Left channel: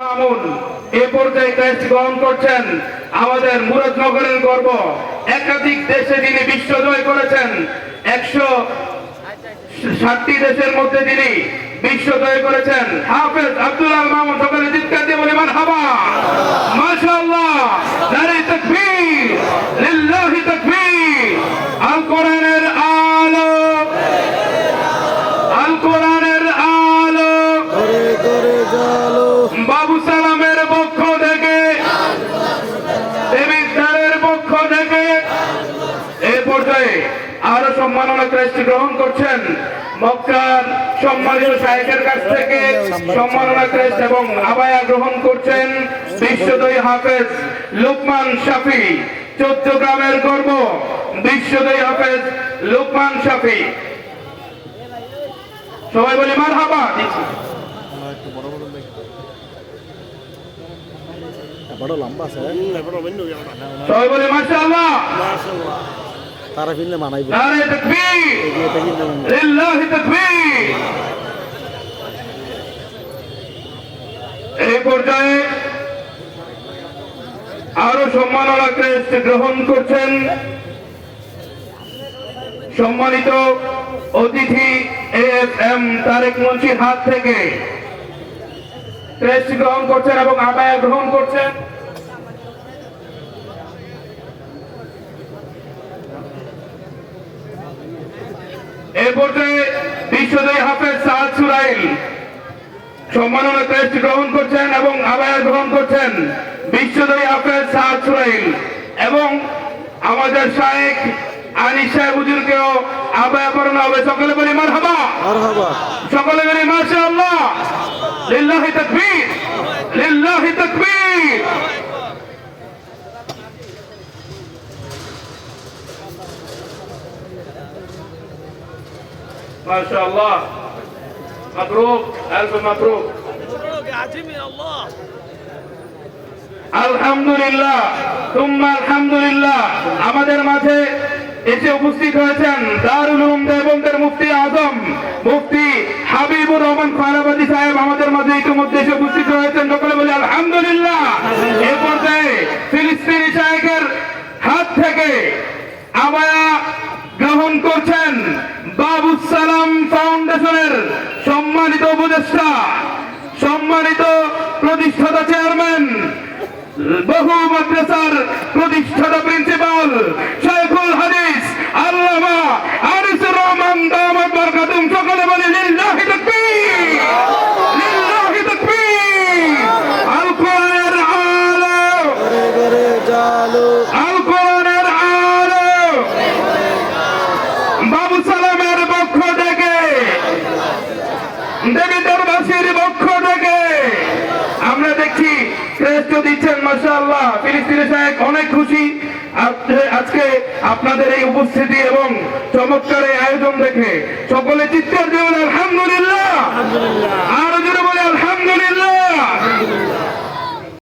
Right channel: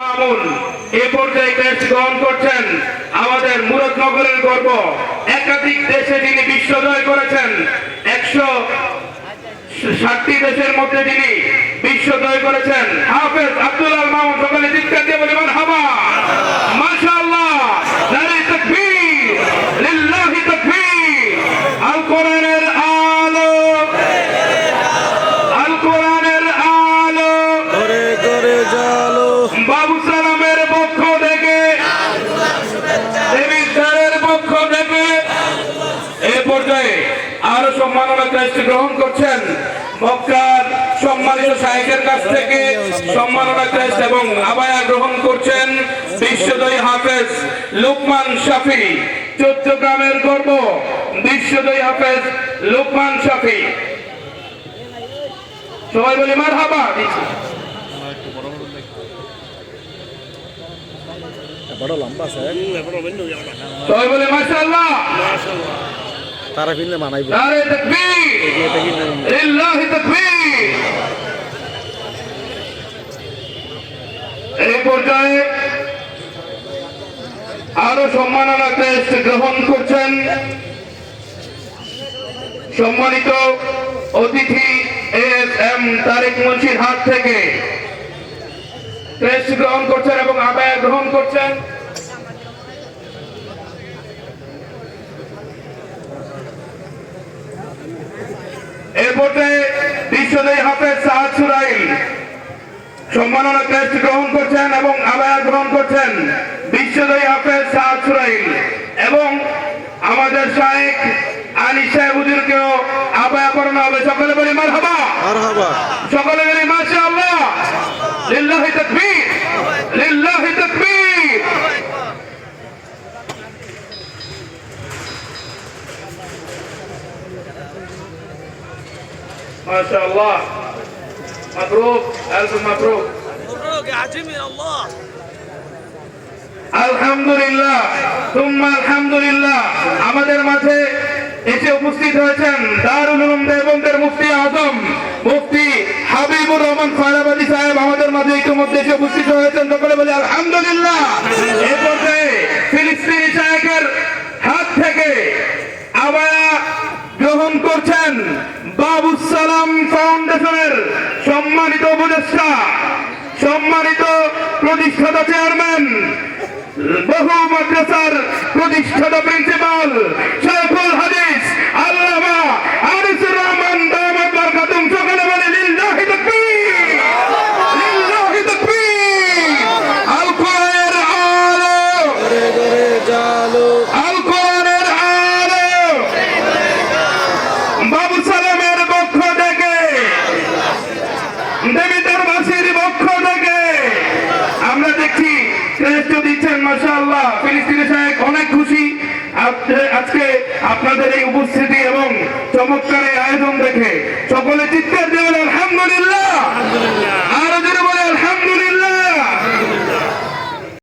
এ গ্রহণ করছেন আমাদের মুরাদনগরের গর্ব। একাধিক দেশে তিনি বিশ্ব জয় করেছেন। একশো ষাটটি দেশের পর্যায়ে আরও সম্মাননা ক্রেস্ট গ্রহণ করছেন। মক্কার সম্মানিত সাহেবের কাছ থেকে সম্মাননা ক্রেস্ট এবং আবায়া গ্রহণ করছেন বিশ্বদয়ী হাফেজ লোকমান শাফি। চট্টগ্রামের গর্ব বিশ্বদয়ী হাফেজ লোকমান শাফি। সবাই বলি মার হাবা বড় লম্বা আছে সবাই বলে মাশাআল্লাহ। তারা ফিরলে মানাইব। এই পর্যায়ে আরও সম্মাননা গ্রহণ করছেন সম্মানিত অতিথি এস এম তারেক মুন্সির হাত থেকে। ক্রেস্ট গ্রহণ করছেন এবং আবায় গ্রহণ করছেন। পর্যায়ে বিশ্বজয়ী হাফেজ সাহাদ সুরাইল। সম্মাননা ক্রেস্ট গ্রহণ করছেন এবং আবায়া গ্রহণ করছেন বিশ্বজয়ী হাফেজ সাহাদ সুরাইল। এবং আমাদের শাহেক আনিস সাহেব হুজুরকেও আবায়া পড়ানো হবে। সকলে বলি মারহাবা। সকলে বলি মাশাআল্লাহ। লিল্লাহি তাকবীর। মাশা আল্লাহ মাবরুক আলফ মাবরুক মাবরুক আজিমিন আল্লাহ আলহামদুলিল্লাহ তুম্মা আলহামদুলিল্লাহ। আমাদের মাঝে এসে উপস্থিত হয়েছেন দারুল উলুম দেওবন্দের মুফতি আজম, মুফতি হাবিবুর রহমান ফারাবাদী সাহেব আমাদের মাঝে ইতিমধ্যে এসে উপস্থিত হয়েছেন। সকলে বলি আলহামদুলিল্লাহ। এরপর ফিলিস্তিনি শায়েখের হাত থেকে আবায়া গ্রহণ করছেন ফাউন্ডেশনের সম্মানিত উপদেষ্টা সম্মানিত প্রতিষ্ঠাতা চেয়ারম্যান বহু মাদ্রাসার দেবীদের বাসীর পক্ষ থেকে। আমরা দেখছি শ্রেষ্ঠ দিচ্ছেন মাসাল্লাহ ফিলিস্তিনি সাহেব অনেক খুশি।